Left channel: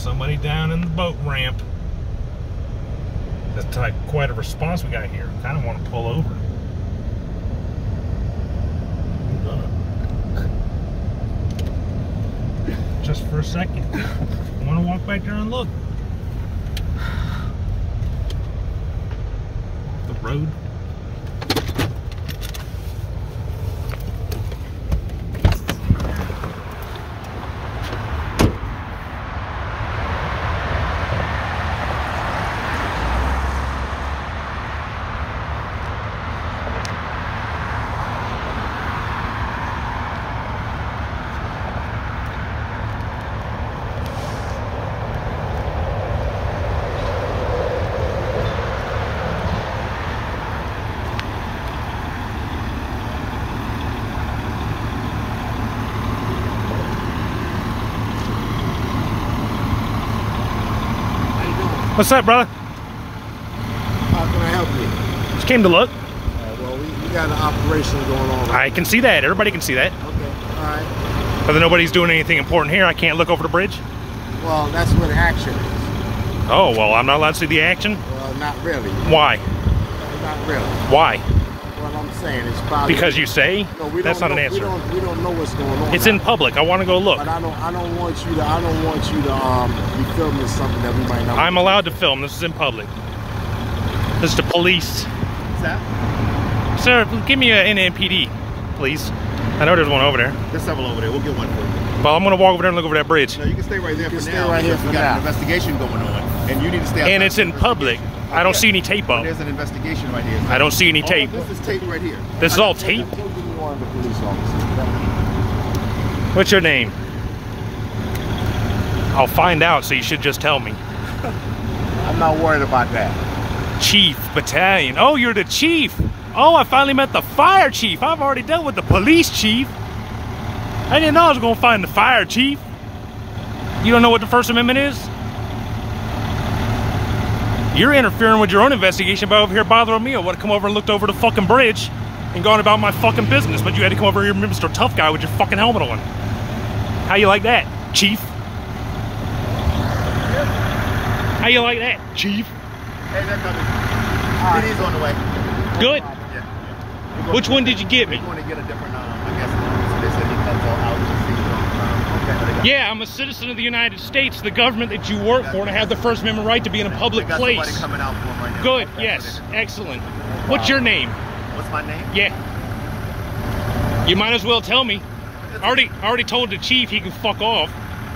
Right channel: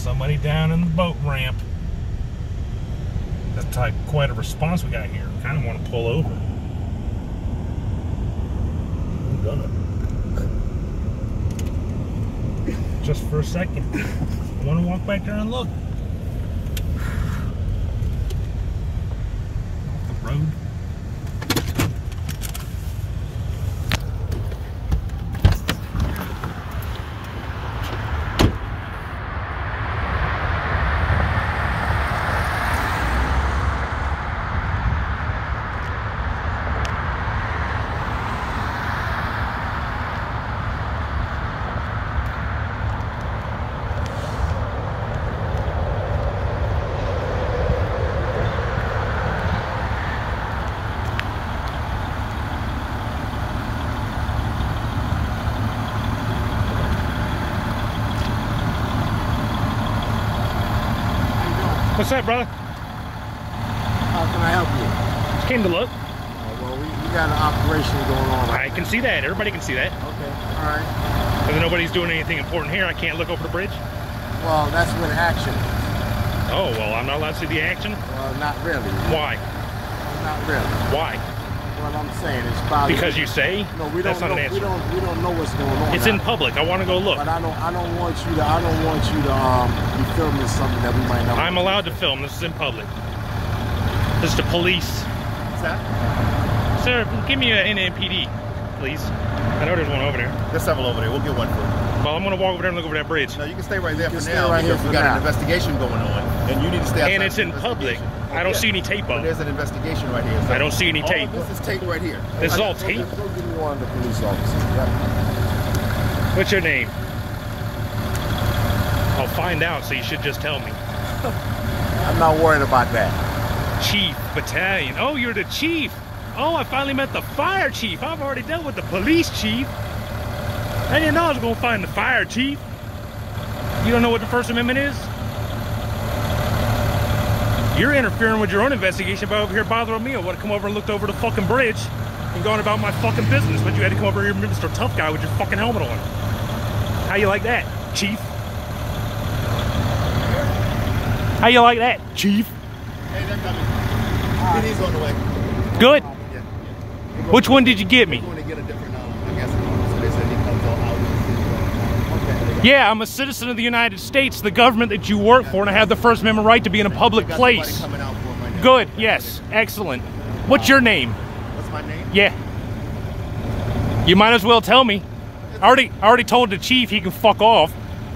somebody down in the boat ramp. That's quite a response we got here. Kind of want to pull over. I'm gonna. Just for a second. I want to walk back there and look. Off the road. What's up, brother? How can I help you? Just came to look. Well, we got an operation going on. I can see that. Everybody can see that. Okay, all right. But nobody's doing anything important here. I can't look over the bridge. Well, that's with action. Oh, well, I'm not allowed to see the action? Well, not really. Why? Not really. Why? Well, I'm saying it's probably because you say. No, we that's don't not know. an answer. We don't know what's going on. It's in public. I want to go look. But I don't want you to be filming something that we might not. I'm allowed to film. This is in public. This is the police. What's that? Sir, give me an NMPD, please. I know there's one over there. There's several over there. We'll get one for you. Well, I'm going to walk over there and look over that bridge. No, you can stay right there for stay now. right here We for got now. an investigation going on, and you need to stay outside. And it's in public. I don't see any tape But up. there's an investigation right here. So I don't see any all tape. of this is tape right here. This is all tape? Go give me one of the police officers. Yep. What's your name? I'll find out, so you should just tell me. I'm not worried about that. Chief Battalion. Oh, you're the chief. Oh, I finally met the fire chief. I've already dealt with the police chief. I didn't know I was going to find the fire chief. You don't know what the First Amendment is? You're interfering with your own investigation by over here bothering me. I would have come over and looked over the fucking bridge and gone about my fucking business, but you had to come over here, Mr. Tough Guy, with your fucking helmet on. How you like that, Chief? How you like that, Chief? Hey, they're coming. He's on the way. Good. Yeah. Which one did you get me? We're going to get a different, I guess, so they said he comes all out. Okay. Yeah, I'm a citizen of the United States, the government that you work for, and I have the First Amendment right to be in a public place. Coming out for him right now. Good, yes, excellent. What's your name? What's my name? Yeah. You might as well tell me. I already told the chief he can fuck off.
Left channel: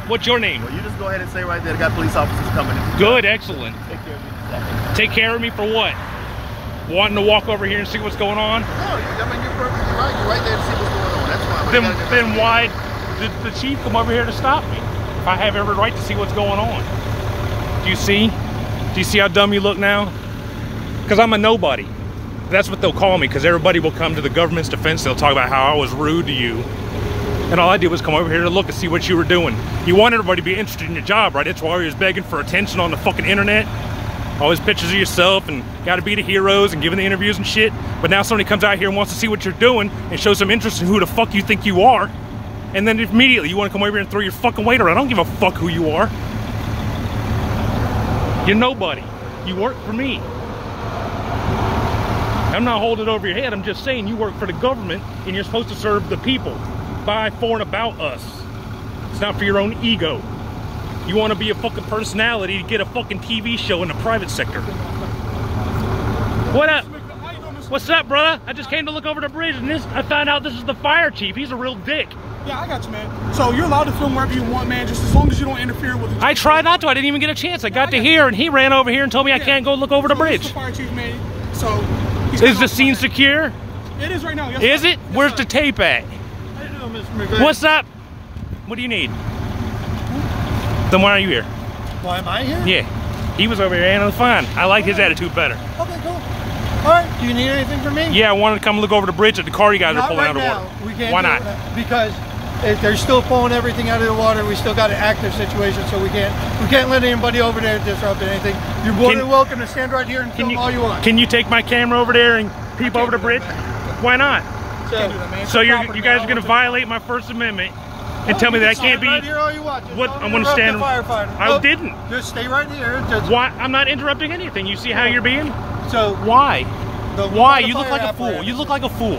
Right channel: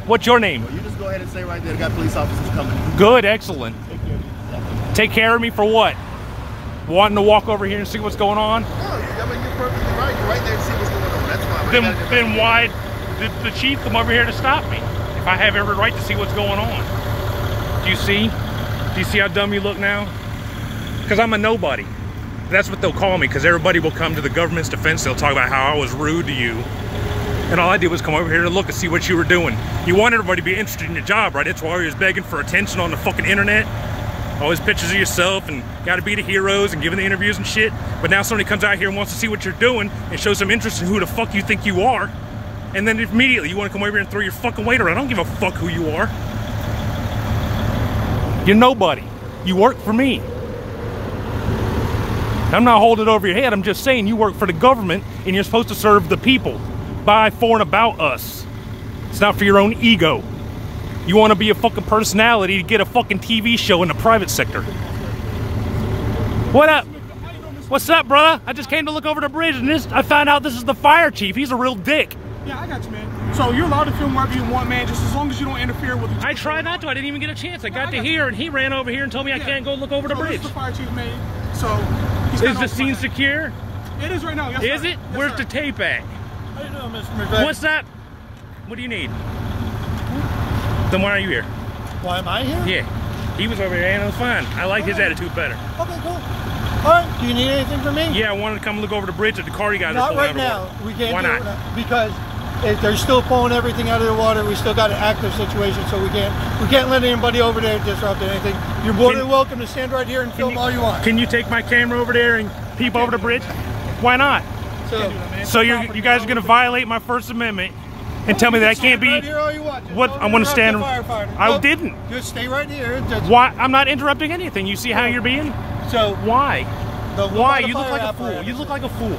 What's your name? Well, you just go ahead and say right there, they got police officers coming. Good, excellent. Take care of you. Take care of me for what? Wanting to walk over here and see what's going on? Oh, I mean, you're perfectly right. You're right there to see what's going on. That's why. Then why did the chief come over here to stop me? If I have every right to see what's going on. Do you see? Do you see how dumb you look now? Because I'm a nobody. That's what they'll call me, because everybody will come to the government's defense. They'll talk about how I was rude to you. And all I did was come over here to look and see what you were doing. You want everybody to be interested in your job, right? That's why you was begging for attention on the fucking internet. Always pictures of yourself and gotta be the heroes and giving the interviews and shit. But now somebody comes out here and wants to see what you're doing and show some interest in who the fuck you think you are. And then immediately you want to come over here and throw your fucking weight around. I don't give a fuck who you are. You're nobody. You work for me. I'm not holding it over your head. I'm just saying you work for the government and you're supposed to serve the people. By, for, and about us. It's not for your own ego. You want to be a fucking personality to get a fucking TV show in the private sector. What up? What's up, bruh? I just came to look over the bridge and I found out this is the fire chief. He's a real dick. Yeah, I got you, man. So you're allowed to film wherever you want, man, just as long as you don't interfere with the... I tried not to. I didn't even get a chance. I got to here and he ran over here and told me I can't go look over the bridge. This is the fire chief, man. So... Is the scene secure? It is right now, yes, Is sir. it? Yes, Where's sir. the tape at? I don't know, Mr. McVeigh. What's up? What do you need? Then why are you here? Why am I here? Yeah. He was over here and it was fine. I like his attitude better. Okay, cool. All right, do you need anything from me? Yeah, I wanted to come look over the bridge at the car you guys are Not pulling right out of the now. water. We can't Why do not? it because they're still pulling everything out of the water. We still got an active situation, so we can't let anybody over there disrupt anything. You're more than welcome to stand right here and film all you want. Can you take my camera over there and peep over the bridge? Why not? Can't do that, man. So you guys are going to violate my First Amendment and tell me that I can't be. Right here all you want. What I want to stand. I didn't. Just stay right here. Why? I'm not interrupting anything. You see how you're being? So why? Why? You look like a fool. apparatus. You look like a fool.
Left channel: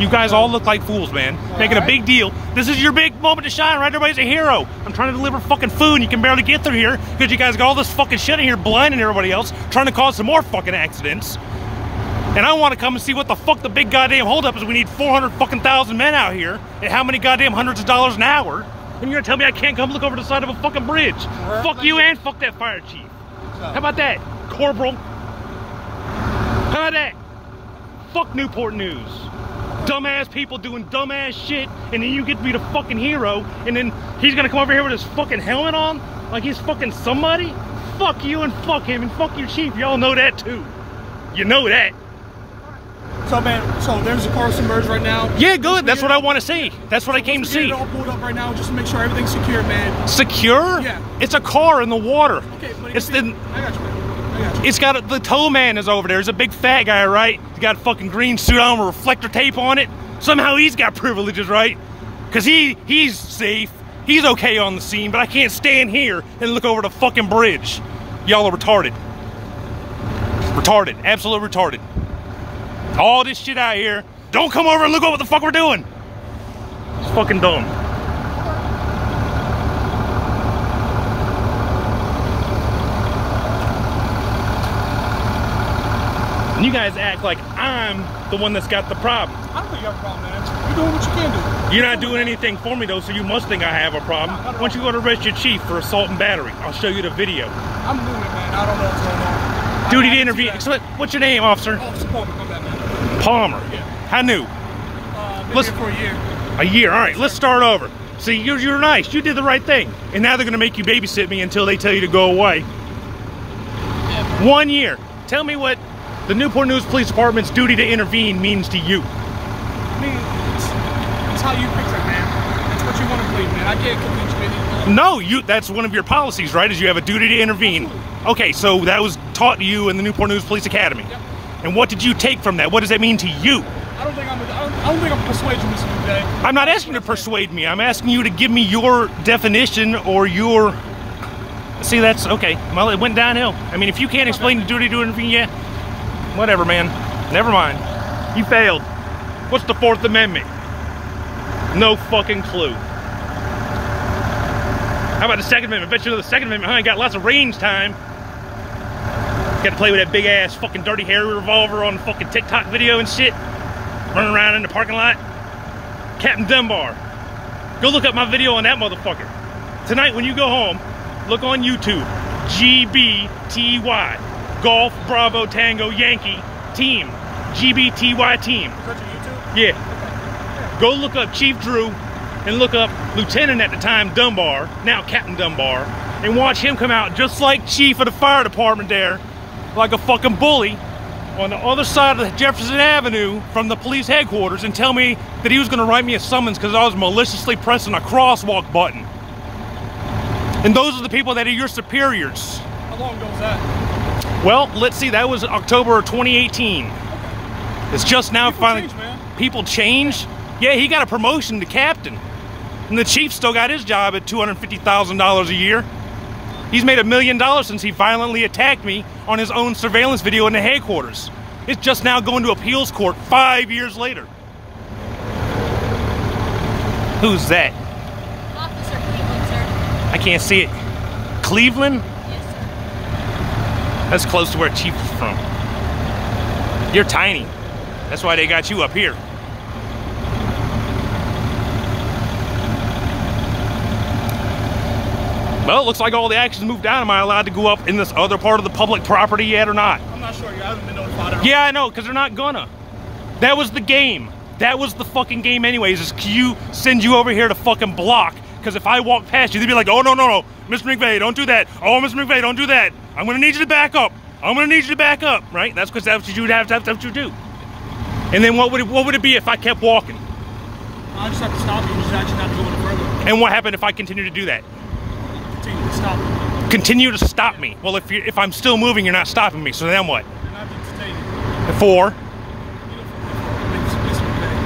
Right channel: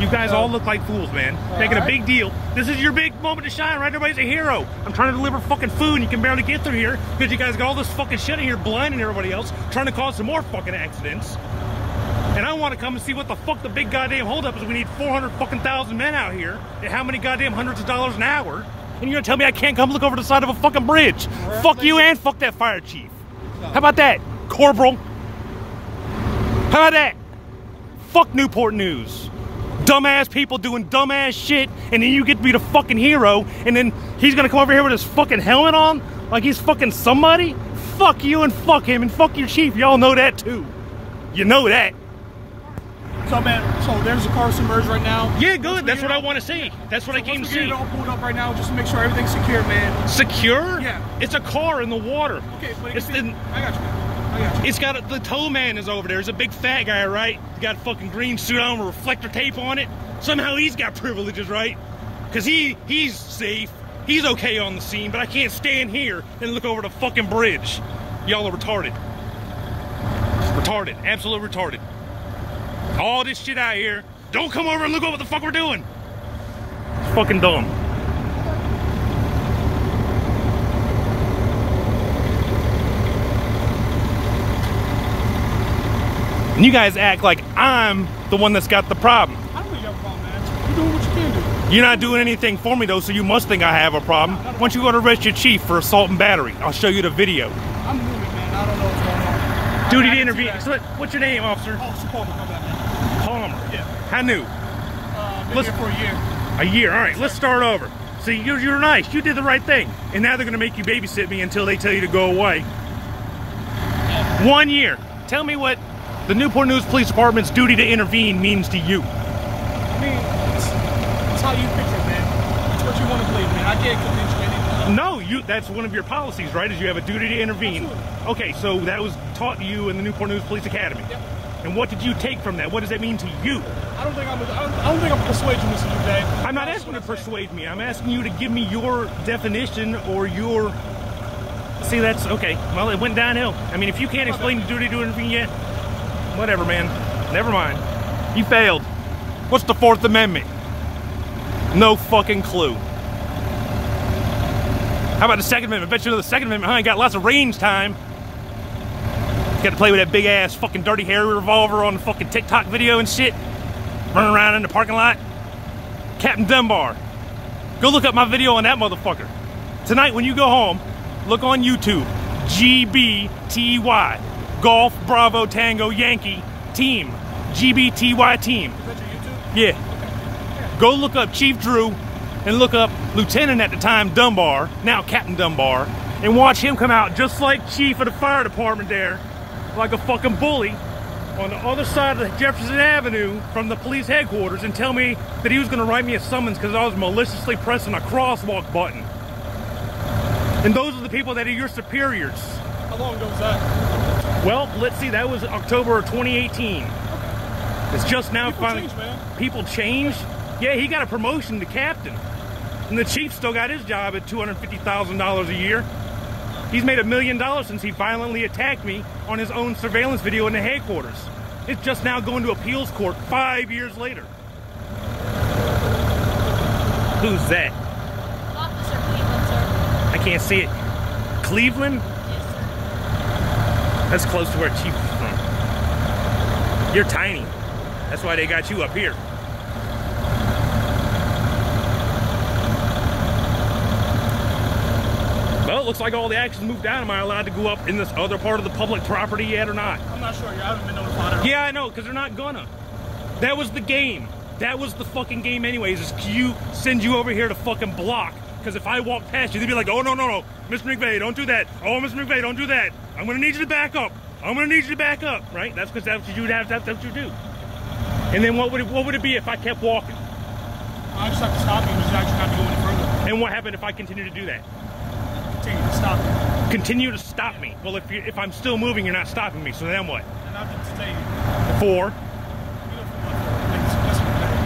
You guys all look like fools, man. Making a big deal. This is your big moment to shine, right? Everybody's a hero. I'm trying to deliver fucking food and you can barely get through here because you guys got all this fucking shit in here blinding everybody else, trying to cause some more fucking accidents. And I want to come and see what the fuck the big goddamn holdup is. We need 400 fucking thousand men out here at how many goddamn hundreds of dollars an hour. And you're gonna tell me I can't come look over the side of a fucking bridge. Fuck you and fuck that fire chief. How about that, Corporal? How about that? Fuck Newport News. Dumbass people doing dumbass shit, and then you get to be the fucking hero, and then he's gonna come over here with his fucking helmet on like he's fucking somebody? Fuck you and fuck him and fuck your chief. Y'all know that too. You know that. So man, so there's a car submerged right now. Yeah, good. That's what I want to see. That's what I came to see. It all pulled up right now just to make sure everything's secure, man. Secure? Yeah. It's a car in the water. Okay, but It's the. I got you, man. I got you. It's got the tow man is over there. He's a big fat guy, right? He's got a fucking green suit on with reflector tape on it. Somehow he's got privileges, right? Because he's safe. He's okay on the scene, but I can't stand here and look over the fucking bridge. Y'all are retarded. Retarded. Absolutely retarded. All this shit out here. Don't come over and look at what the fuck we're doing. It's fucking dumb. And you guys act like I'm the one that's got the problem. I don't think you have a problem, man. You're doing what you can do. You're not doing anything for me though, so you must think I have a problem. Why don't you go to arrest your chief for assault and battery? I'll show you the video. I'm doing it, man. I don't know what's going on. Duty to intervene. So what's your name, officer? Officer Palmer, come back, man. Palmer. Yeah. How new? Been here for a year. A year. All right, let's start over. See, you're nice. You did the right thing. And now they're going to make you babysit me until they tell you to go away. 1 year. Tell me what the Newport News Police Department's duty to intervene means to you. I mean, it's how you picture it, man. It's what you want to believe, man. I can't convince you anything. No, that's one of your policies, right? Is you have a duty to intervene. Absolutely. Okay, so that was taught to you in the Newport News Police Academy. Yep. And what did you take from that? What does that mean to you? I don't think I'm persuading you, Mr. Day. I'm not asking you to persuade me. I'm asking you to give me your definition or your... See, that's okay. Well, it went downhill. I mean, if you can't explain the duty to intervene, yeah, whatever, man. Never mind. You failed. What's the Fourth Amendment? No fucking clue. How about the Second Amendment? I bet you know the Second Amendment, huh? You got lots of range time. Got to play with that big ass fucking dirty hairy revolver on the fucking TikTok video and shit. Running around in the parking lot. Captain Dunbar. Go look up my video on that motherfucker. Tonight when you go home, look on YouTube. GBTY. Golf Bravo Tango Yankee Team. GBTY Team. Is that your YouTube? Yeah. Okay. Yeah. Go look up Chief Drew and look up Lieutenant at the time Dunbar, now Captain Dunbar, and watch him come out just like Chief of the fire department there, like a fucking bully on the other side of Jefferson Avenue from the police headquarters and tell me that he was going to write me a summons because I was maliciously pressing a crosswalk button. And those are the people that are your superiors. How long ago was that? Well, let's see, that was October of 2018. Okay. It's just now People finally... change, man. People change? Yeah, he got a promotion to captain. And the chief still got his job at $250,000 a year. He's made $1 million since he violently attacked me on his own surveillance video in the headquarters. It's just now going to appeals court 5 years later. Who's that? Officer Cleveland, sir. I can't see it. Cleveland? Yes, sir. That's close to where Chief is from. You're tiny. That's why they got you up here. Well, it looks like all the action's moved down. Am I allowed to go up in this other part of the public property yet or not? I'm not sure. I haven't been notified. Yeah, I know, because they're not gonna. That was the game. That was the fucking game anyways, is Q send you over here to fucking block. Because if I walk past you, they'd be like, oh, no, no, no. Mr. McVeigh, don't do that. Oh, Mr. McVeigh, don't do that. I'm gonna need you to back up. I'm gonna need you to back up, right? That's because that's what you would have, that's what you do. And then what would it be if I kept walking? I just have to stop you and just actually not to go any further. And what happened if I continue to do that? Continue to stop you. Continue to stop me. Well, if I'm still moving, you're not stopping me. So then what? Then I'll be detained. For?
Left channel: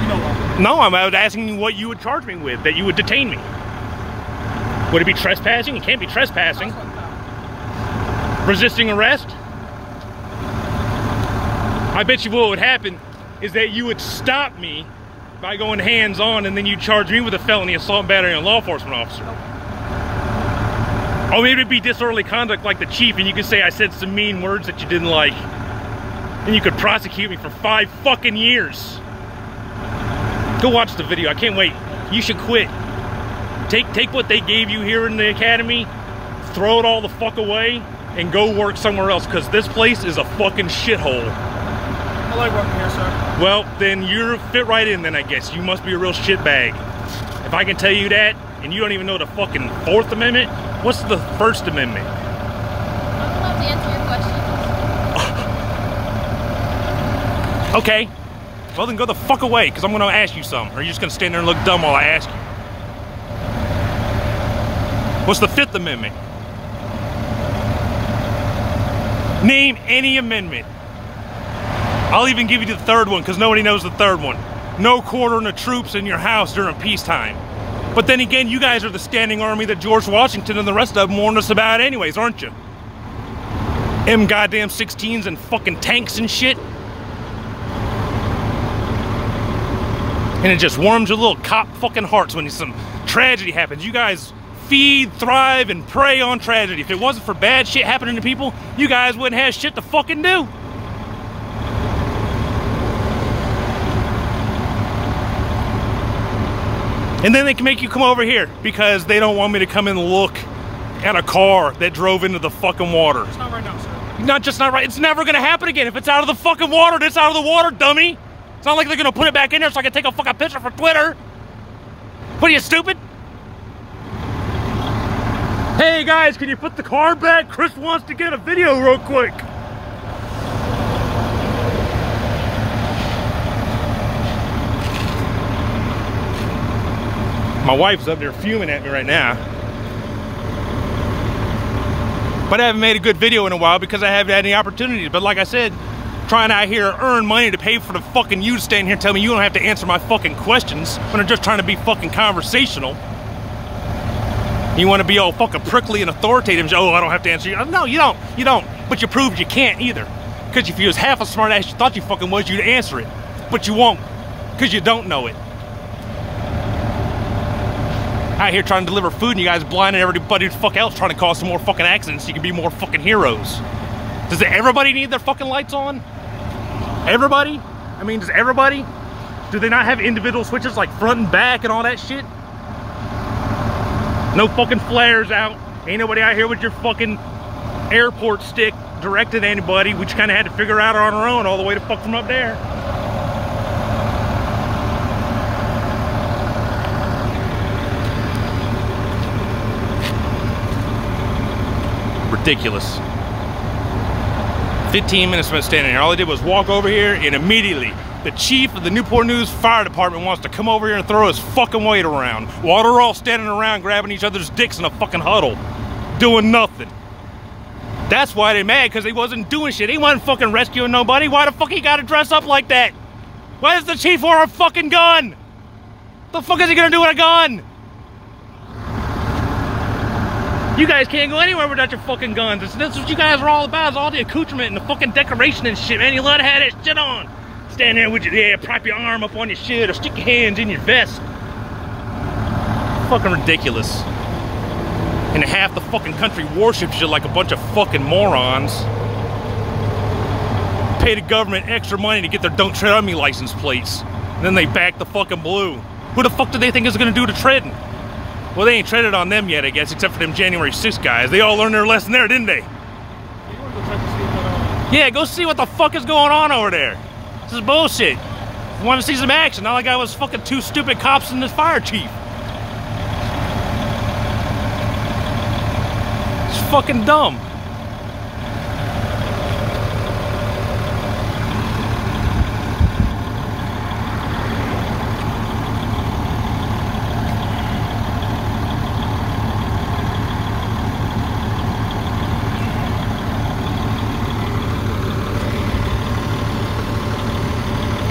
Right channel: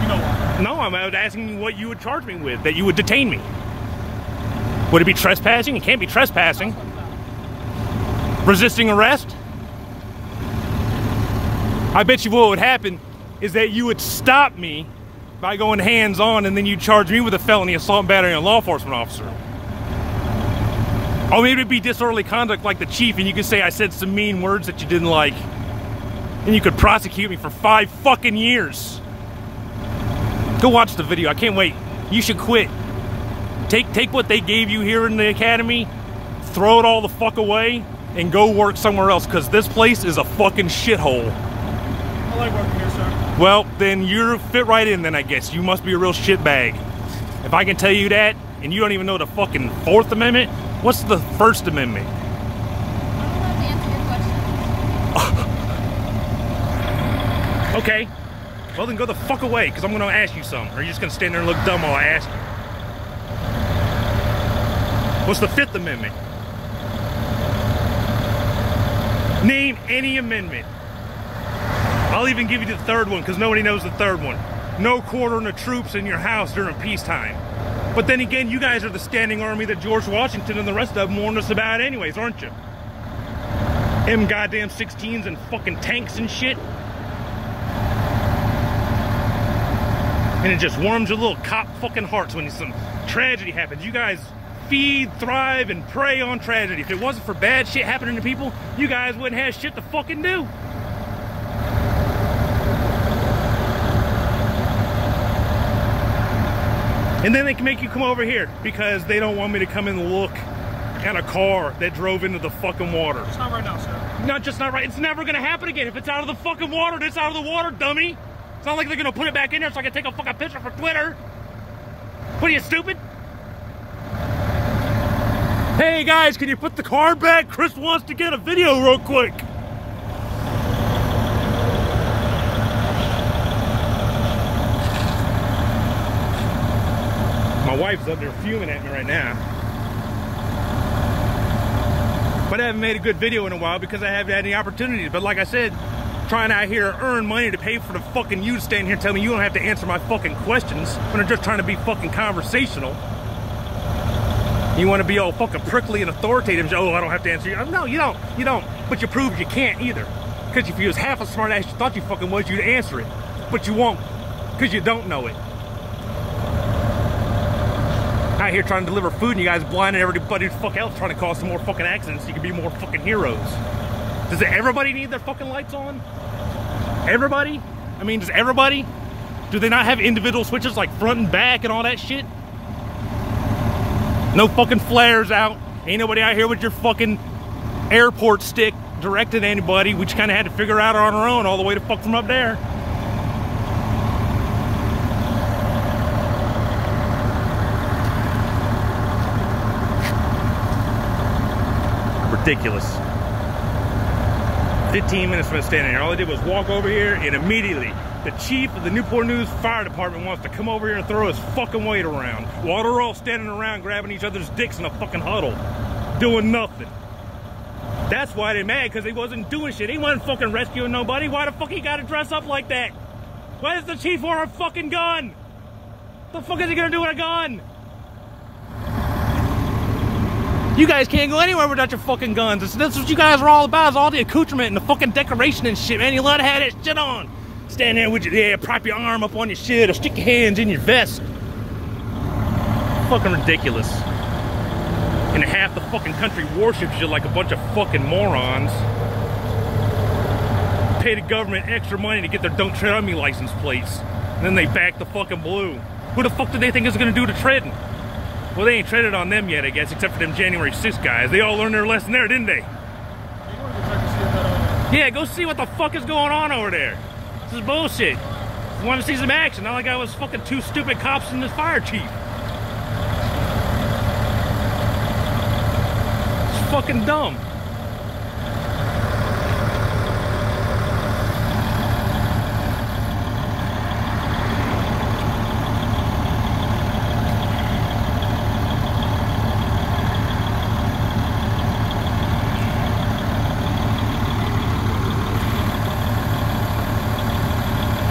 You know why. No, I'm asking you what you would charge me with, that you would detain me. Would it be trespassing? It can't be trespassing. Resisting arrest? I bet you what would happen is that you would stop me by going hands-on, and then you charge me with a felony assault and battery on a law enforcement officer. Or maybe it'd be disorderly conduct like the chief, and you could say I said some mean words that you didn't like, and you could prosecute me for 5 fucking years. Go watch the video. I can't wait. You should quit. Take what they gave you here in the academy, throw it all the fuck away, and go work somewhere else, because this place is a fucking shithole. I like working here, sir. Well, then you're fit right in then, I guess. You must be a real shitbag. If I can tell you that, and you don't even know the fucking 4th Amendment, what's the 1st Amendment? I'm allowed to answer your question. Okay. Well, then go the fuck away, because I'm going to ask you something. Or are you just going to stand there and look dumb while I ask you? What's the 5th Amendment? Name any amendment. I'll even give you the 3rd one, because nobody knows the 3rd one. No quartering the troops in your house during peacetime. But then again, you guys are the standing army that George Washington and the rest of them warned us about anyways, aren't you? M goddamn 16s and fucking tanks and shit. And it just warms your little cop fucking hearts when some tragedy happens. You guys feed, thrive, and prey on tragedy. If it wasn't for bad shit happening to people, you guys wouldn't have shit to fucking do. And then they can make you come over here because they don't want me to come and look at a car that drove into the fucking water. It's not right now, sir. Not right. It's never gonna happen again. If it's out of the fucking water, it's out of the water, dummy. It's not like they're gonna put it back in there so I can take a fucking picture for Twitter. What are you, stupid? Hey guys, can you put the car back? Chris wants to get a video real quick. My wife's up there fuming at me right now. But I haven't made a good video in a while because I haven't had any opportunity. But like I said, trying out here to earn money to pay for the fucking you staying here and tell me you don't have to answer my fucking questions when I'm just trying to be fucking conversational. You want to be all fucking prickly and authoritative. Oh, I don't have to answer you. No, you don't. You don't. But you proved you can't either. Because if you was half a smart ass you thought you fucking was, you'd answer it. But you won't. Because you don't know it. Out here trying to deliver food and you guys blinding everybody the fuck else trying to cause some more fucking accidents so you can be more fucking heroes. Does everybody need their fucking lights on? Everybody? I mean, does everybody? Do they not have individual switches like front and back and all that shit? No fucking flares out. Ain't nobody out here with your fucking airport stick directed at anybody. We just kind of had to figure out on our own all the way to fuck from up there. Ridiculous. 15 minutes from standing here. All I did was walk over here and immediately the chief of the Newport News Fire Department wants to come over here and throw his fucking weight around while they're all standing around grabbing each other's dicks in a fucking huddle, doing nothing. That's why they're mad, because he wasn't doing shit. He wasn't fucking rescuing nobody. Why the fuck he gotta dress up like that? Why does the chief wear a fucking gun? What the fuck is he gonna do with a gun? You guys can't go anywhere without your fucking guns. That's what you guys are all about, is all the accoutrement and the fucking decoration and shit, man. You love to have that shit on. Stand there with your, yeah, prop your arm up on your shit or stick your hands in your vest. Fucking ridiculous. And half the fucking country worships you like a bunch of fucking morons. Pay the government extra money to get their Don't Tread on Me license plates. And then they back the fucking blue. Who the fuck do they think is gonna do the treading? Well, they ain't treaded on them yet, I guess, except for them January 6th guys. They all learned their lesson there, didn't they? You want to go check to see if that, Yeah, go see what the fuck is going on over there. This is bullshit. You want to see some action? All I got was fucking 2 stupid cops and this fire chief. It's fucking dumb.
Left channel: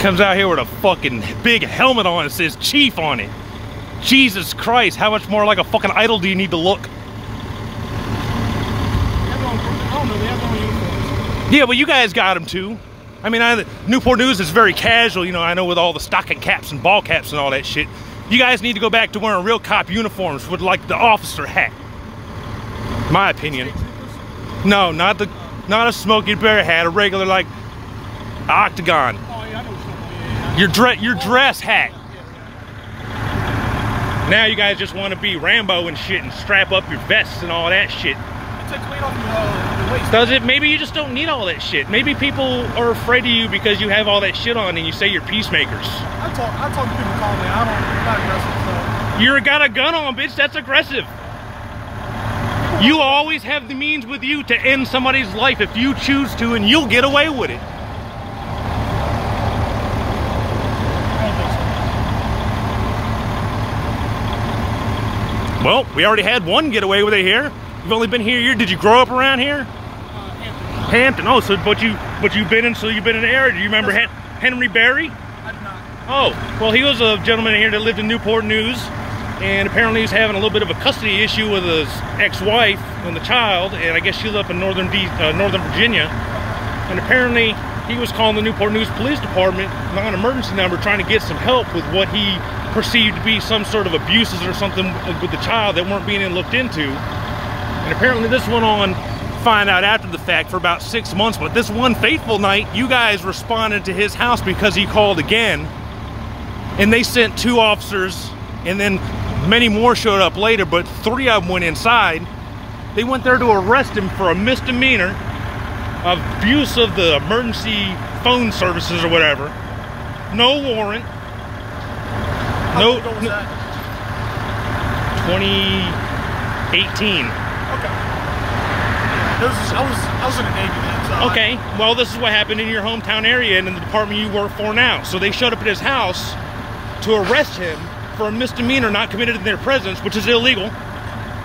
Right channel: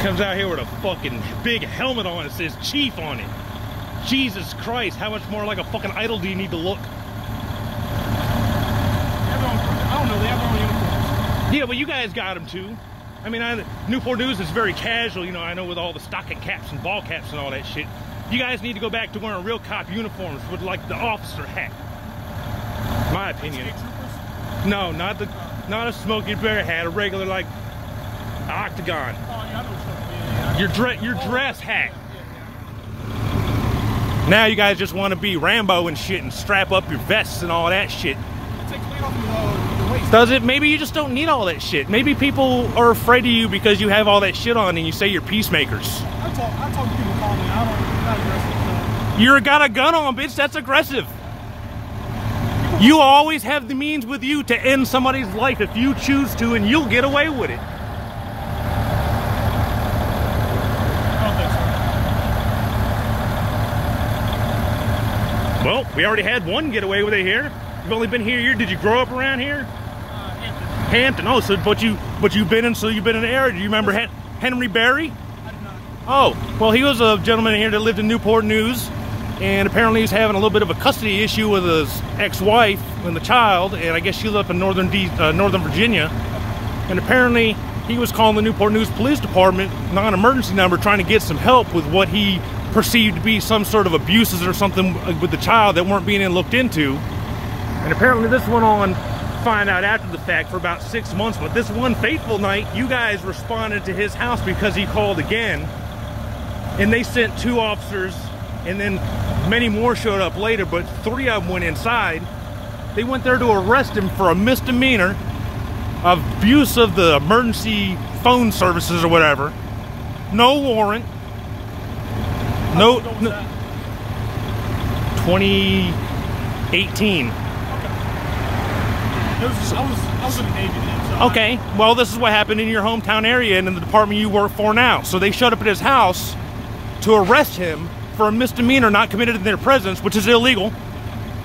Comes out here with a fucking big helmet on. It says Chief on it. Jesus Christ, how much more like a fucking idol do you need to look? I don't know, they have their own uniforms. Yeah, but you guys got them too. I mean, Newport News is very casual, you know, I know with all the stocking caps and ball caps and all that shit. You guys need to go back to wearing real cop uniforms with like the officer hat. My opinion. State troopers? No, not a Smokey Bear hat, a regular like octagon. Oh yeah, I know what you're talking about. Your dress hat. Yeah. Now you guys just want to be Rambo and shit and strap up your vests and all that shit. It takes weight off your waist. Does it? Maybe you just don't need all that shit. Maybe people are afraid of you because you have all that shit on and you say you're peacemakers. I talk to people calmly. I'm not aggressive, so. You're got a gun on, bitch. That's aggressive. You always have the means with you to end somebody's life if you choose to, and you'll get away with it. I don't think so. Well, we already had one get away with it here. You've only been here. Did you grow up around here? Hampton. Hampton. Oh, so but you've been in the area. Do you remember Henry Berry? I do not. Oh, well, he was a gentleman here that lived in Newport News, and apparently he's having a little bit of a custody issue with his ex-wife and the child, and I guess she lived up in Northern Virginia. And apparently he was calling the Newport News Police Department non-emergency number trying to get some help with what he perceived to be some sort of abuses or something with the child that weren't being looked into. And apparently this went on, find out after the fact, for about 6 months. But this one fateful night, you guys responded to his house because he called again. And they sent 2 officers, and then many more showed up later, but 3 of them went inside. They went there to arrest him for a misdemeanor of abuse of the emergency phone services or whatever. No warrant. How long ago was that? 2018. I was in the Navy then, so. Okay, well, this is what happened in your hometown area and in the department you work for now. So they showed up at his house to arrest him for a misdemeanor not committed in their presence, which is illegal,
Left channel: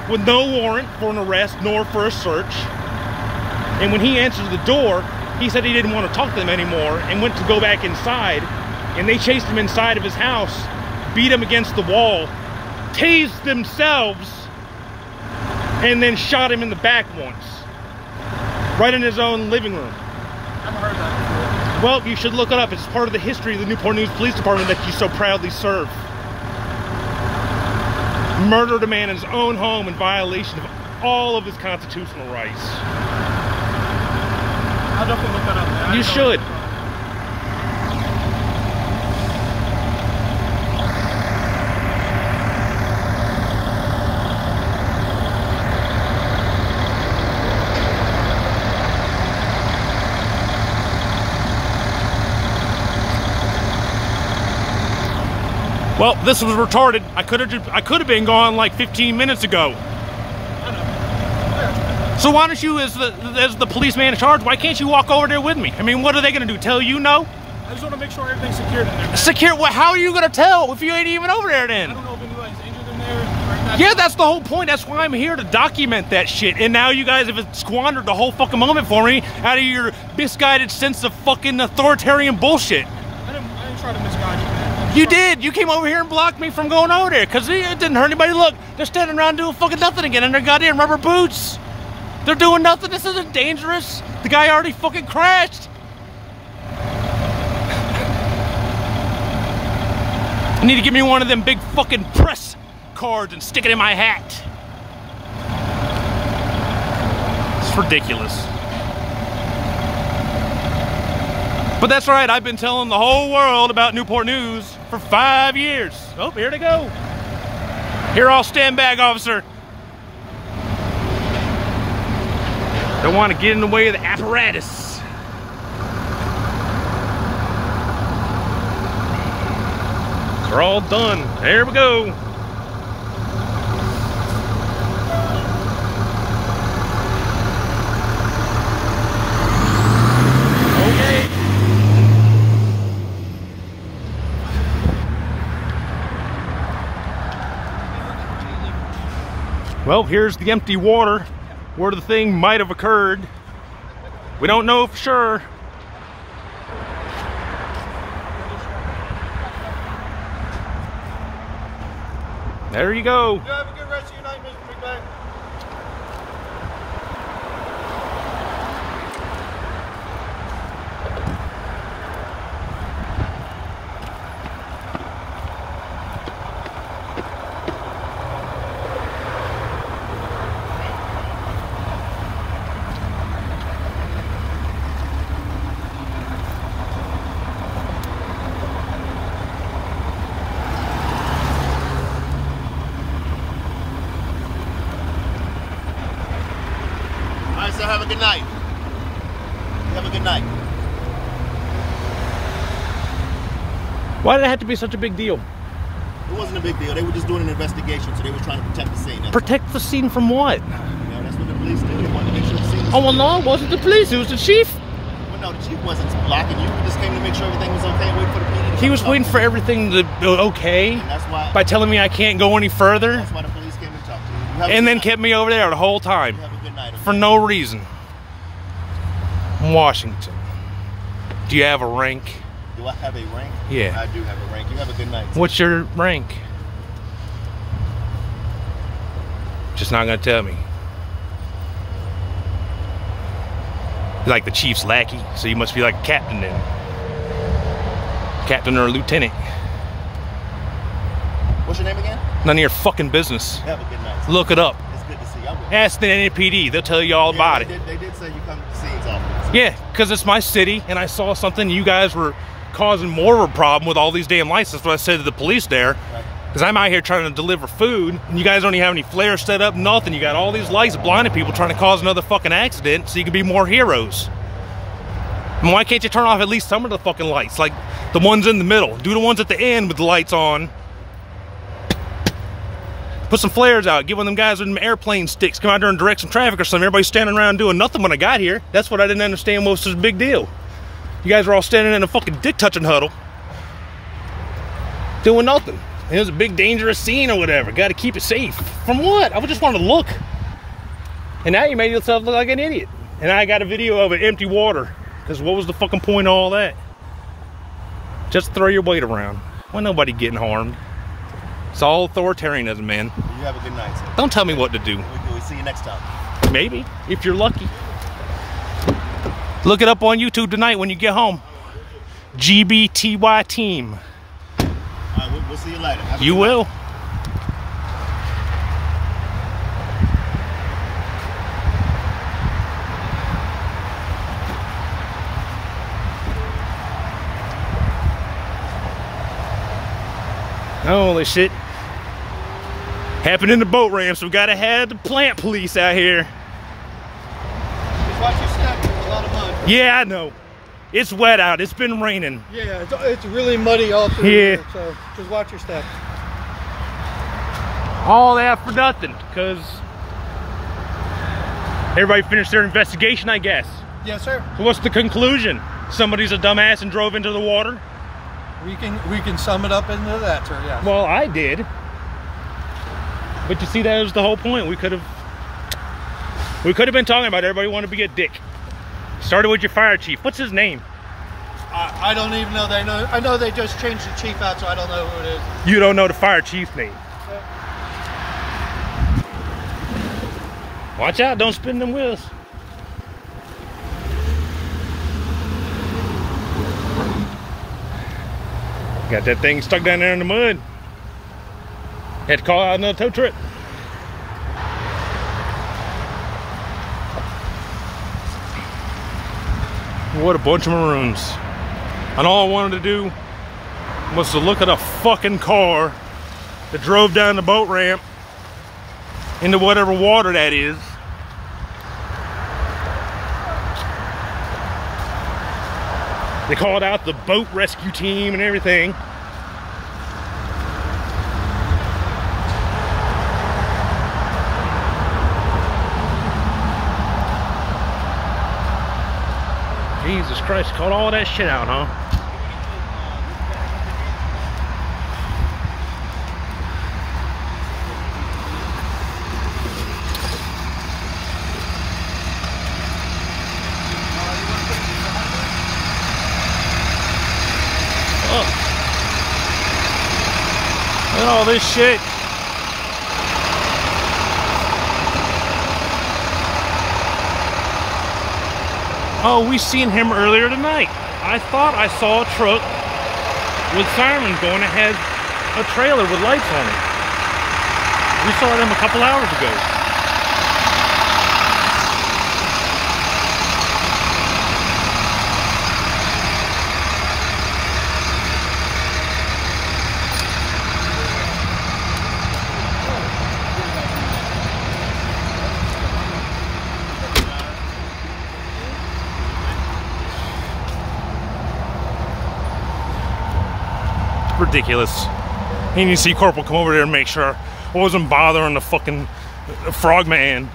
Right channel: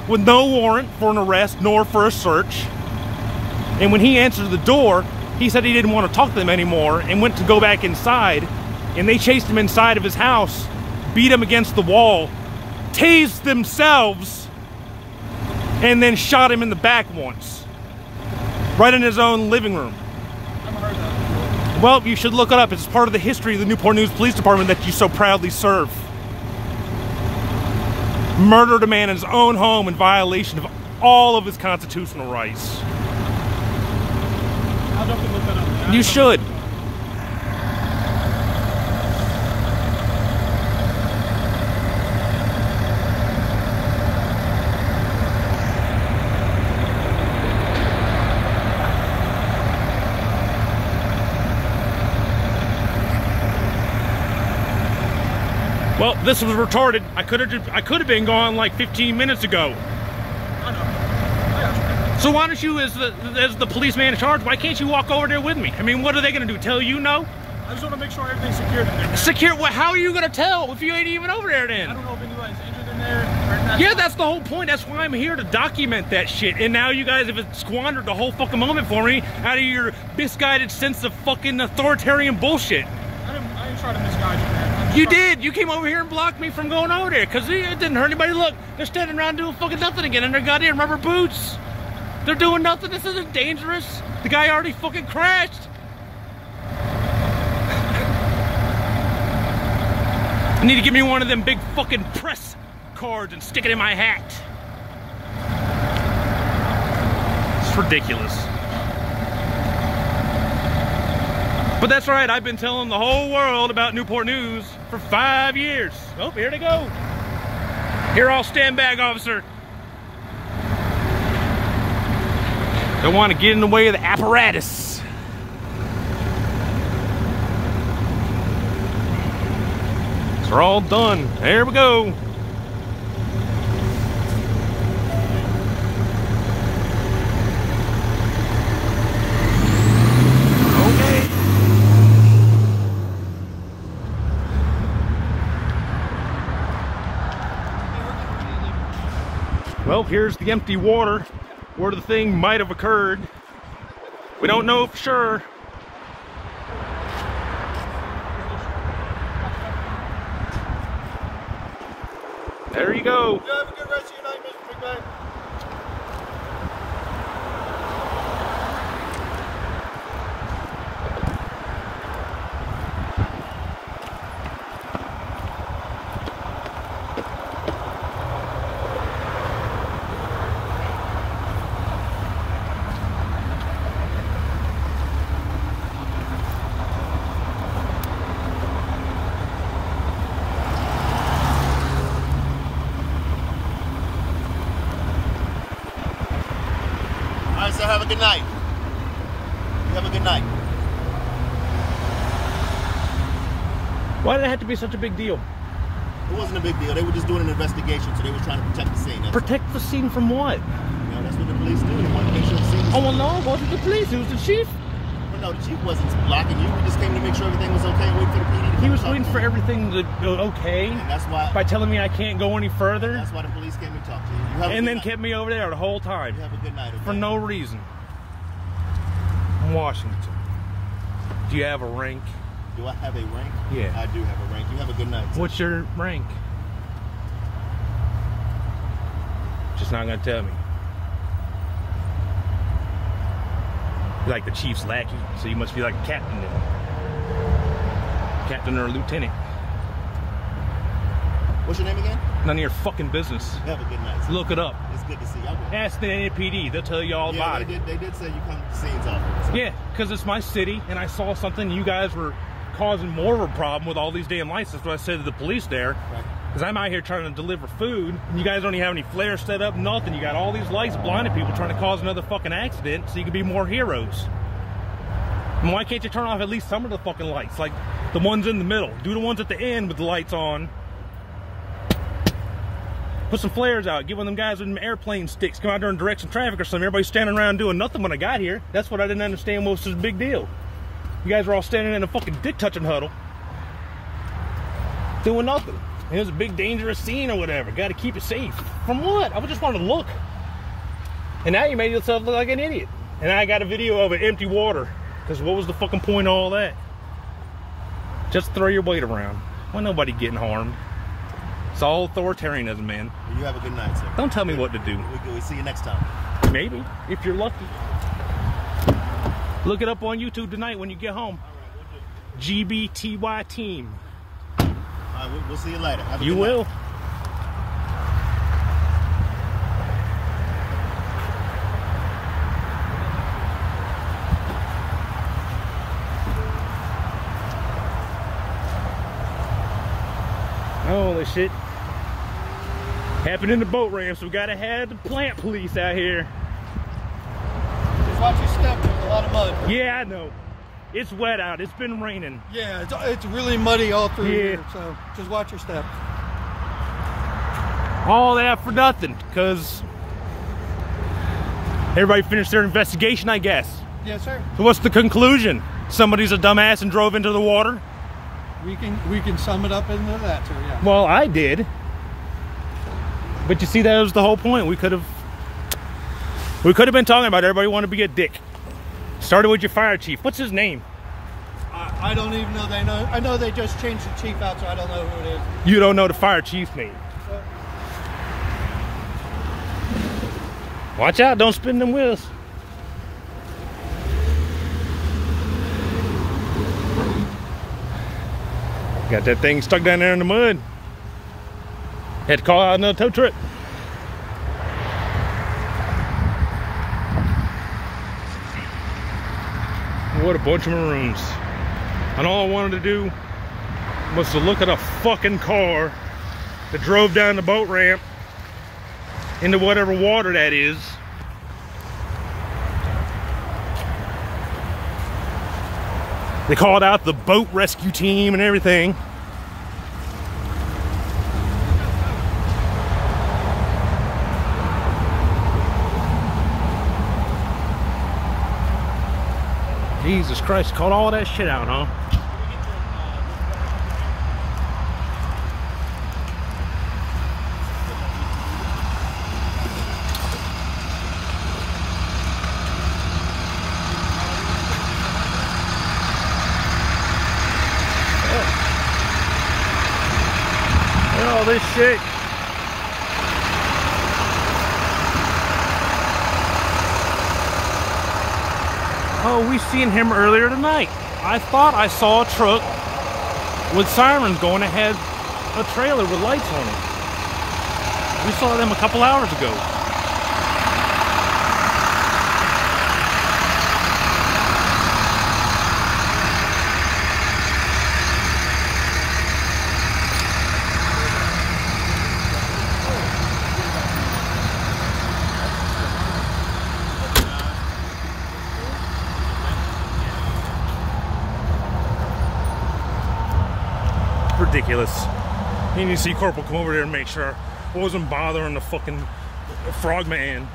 with no warrant for an arrest nor for a search. And when he answered the door, he said he didn't want to talk to them anymore and went to go back inside. And they chased him inside of his house, beat him against the wall, tased themselves, and then shot him in the back once. Right in his own living room. I haven't heard that before. Well, you should look it up. It's part of the history of the Newport News Police Department that you so proudly serve. Murdered a man in his own home in violation of all of his constitutional rights. I'll definitely look that up, man. You should. Well, this was retarded. I could have been gone like 15 minutes ago. So why don't you, as the policeman in charge, why can't you walk over there with me? I mean, what are they going to do? Tell you no? I just want to make sure everything's secured in there, man. Secure? What? How are you going to tell if you ain't even over there then? I don't know if anybody's injured in there. Yeah, that's the whole point. That's why I'm here, to document that shit. And now you guys have squandered the whole fucking moment for me out of your misguided sense of fucking authoritarian bullshit. I didn't try to misguide you, man. You did. You came over here and blocked me from going over there because it didn't hurt anybody. Look, they're standing around doing fucking nothing again in their goddamn rubber boots. They're doing nothing. This isn't dangerous. The guy already fucking crashed. You need to give me one of them big fucking press cards and stick it in my hat. It's ridiculous. But that's right, I've been telling the whole world about Newport News for 5 years. Oh, here they go. Here, I'll stand back, officer. Don't want to get in the way of the apparatus. They're all done. There we go. Okay. Well, here's the empty water where the thing might have occurred. We don't know for sure. There you go. You have a good rest of your night, Mr. McBain. Have a good night. You have a good night. Why did it have to be such a big deal? It wasn't a big deal. They were just doing an investigation, so they were trying to protect the scene. Protect the scene from what? You know, that's what the police do. They wanted to make sure the scene was Oh, well, no, it wasn't the police. It was the chief. Well, no, the chief wasn't blocking you. We just came to make sure everything was okay and wait for the PD to He come was talk waiting to for you. everything to be okay And that's why. by telling me I can't go any further, That's why the police came and talked to you. You have a and good then night. kept me over there the whole time You have a good night. Okay? for no reason. Washington. Do you have a rank? Do I have a rank? Yeah. I do have a rank. You have a good night. What's your rank? Just not gonna tell me. You're like the chief's lackey, so you must be like a captain then. Captain or a lieutenant. What's your name again? None of your fucking business. Have a good night. sir. Look it up. It's good to see you. I will. Ask the NPD, they'll tell you all about it. They did say you come to scenes often. Yeah, because it's my city, and I saw something. You guys were causing more of a problem with all these damn lights. That's what I said to the police there. Right. Because I'm out here trying to deliver food, and you guys don't even have any flares set up, nothing. You got all these lights blinding people trying to cause another fucking accident so you can be more heroes. And why can't you turn off at least some of the fucking lights? Like the ones in the middle. Do the ones at the end with the lights on. Put some flares out. Get one of them guys with them airplane sticks. Come out there and direct some traffic or something. Everybody's standing around doing nothing when I got here. That's what I didn't understand what was such a big deal. You guys were all standing in a fucking dick-touching huddle. Doing nothing. It was a big dangerous scene or whatever. Got to keep it safe. From what? I just wanted to look. And now you made yourself look like an idiot. And I got a video of it, empty water. Because what was the fucking point of all that? Just throw your weight around. Well, nobody getting harmed. It's all authoritarianism, man. You have a good night, sir. Don't tell me what to do. We'll see you next time. Maybe, if you're lucky. Look it up on YouTube tonight when you get home. GBTY team. All right, we'll see you later. Have a You good will. night. Holy shit. Happened in the boat ramp, so we gotta have the plant police out here. Just watch your step. There's a lot of mud. Yeah, I know. It's wet out. It's been raining. Yeah, it's really muddy all through Yeah. here, so just watch your step. All that for nothing, because everybody finished their investigation, I guess. Yes, sir. So what's the conclusion? Somebody's a dumbass and drove into the water? We can sum it up into that, sir. Yeah. Well, I did. But you see, that was the whole point. We could have been talking about it. Everybody wanted to be a dick. Started with your fire chief. What's his name? I don't even know. I know they just changed the chief out, so I don't know who it is. You don't know the fire chief's name. Watch out, don't spin them wheels. Got that thing stuck down there in the mud. Had to call out another tow truck. What a bunch of maroons. And all I wanted to do was to look at a fucking car that drove down the boat ramp into whatever water that is. They called out the boat rescue team and everything. Jesus Christ, called all that shit out, huh? Look at all this shit. Oh, we seen him earlier tonight. I thought I saw a truck with sirens going ahead a trailer with lights on it. We saw them a couple hours ago. Ridiculous. And you see Corporal come over there and make sure I wasn't bothering the fucking Frogman.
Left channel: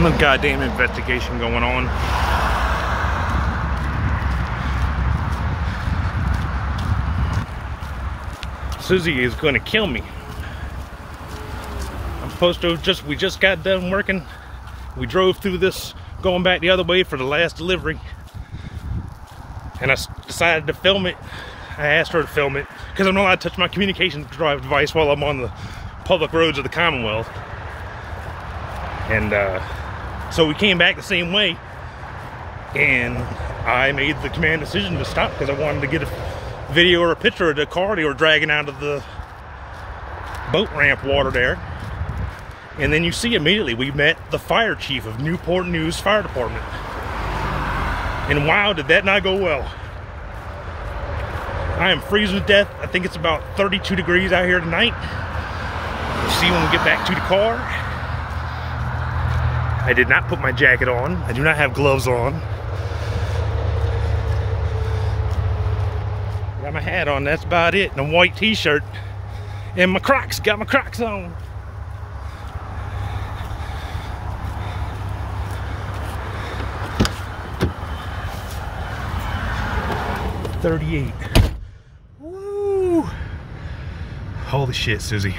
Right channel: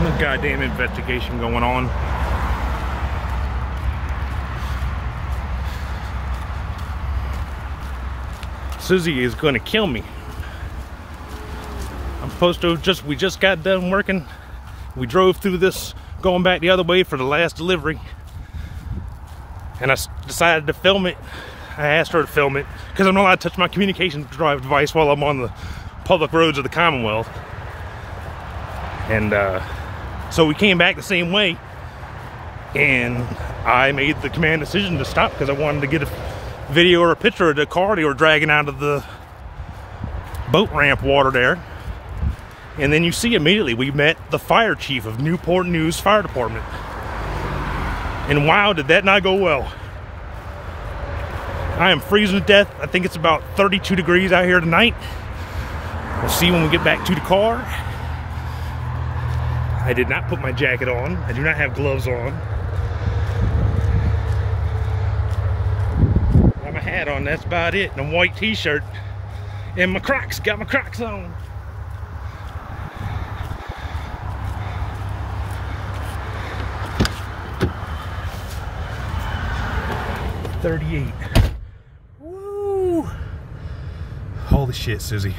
No goddamn investigation going on. Susie is gonna kill me. I'm supposed to we just got done working. We drove through this, going back the other way for the last delivery. And I decided to film it. I asked her to film it because I'm not allowed to touch my communication device while I'm on the public roads of the Commonwealth. And so we came back the same way, and I made the command decision to stop because I wanted to get a video or a picture of the car they were dragging out of the boat ramp water there. And then you see immediately we met the fire chief of Newport News Fire Department. And wow, did that not go well. I am freezing to death. I think it's about 32 degrees out here tonight. We'll see when we get back to the car. I did not put my jacket on. I do not have gloves on. Got my hat on, that's about it. And a white t-shirt. And my Crocs, got my Crocs on. $38. Woo! Holy shit, Susie.